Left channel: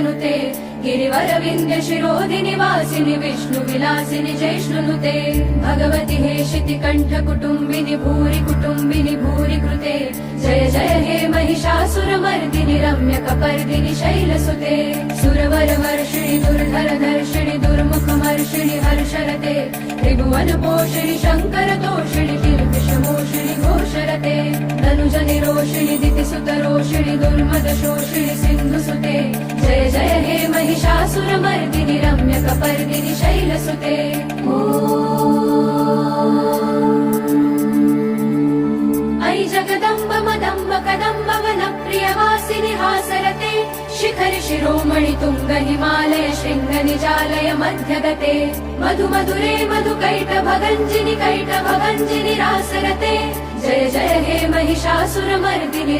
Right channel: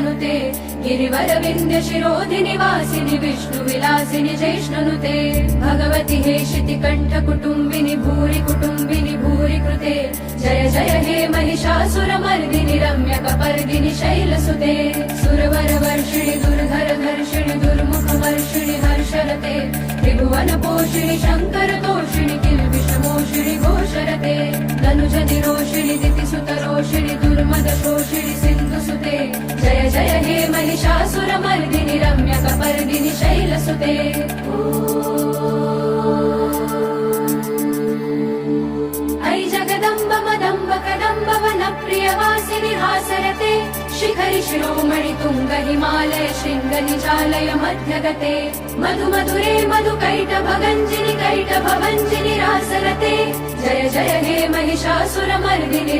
तनुते गिरिवर विंध्य शिरोधिनि वासिनि विष्णु विलासिनि जैष्णुनुते भगवति हेशिति कंठ कुटुंबिनि भूरि कृते जय जय हे महिषासुरमर्दिनि रम्य कपर्दिनि शैलसुते सुरवर वर्षिणि दुर्धर धर्षिणि दुर्मुखमर्षिणि हर्षरते त्रिभुवन पोषिणि शंकर तोषिणि किल्बिषमोषिणि घोषरते धनुजनि रोषिणि दितिसुत रोषिणि दुर्मद शोषिणि सिन्धुसुते जय जय हे महिषासुरमर्दिनि रम्य कपर्दिनि शैलसुते ऐ जगदम्ब मदम्ब कदम्ब वन प्रियवासिनि हासरते शिखरि शिरोमणि तुंग हिमालय शृंग निजालय मध्यगते मधु मधुरे मधु कैटभगञ्जिनि रासरते जय जय हे महिषासुरमर्दिनि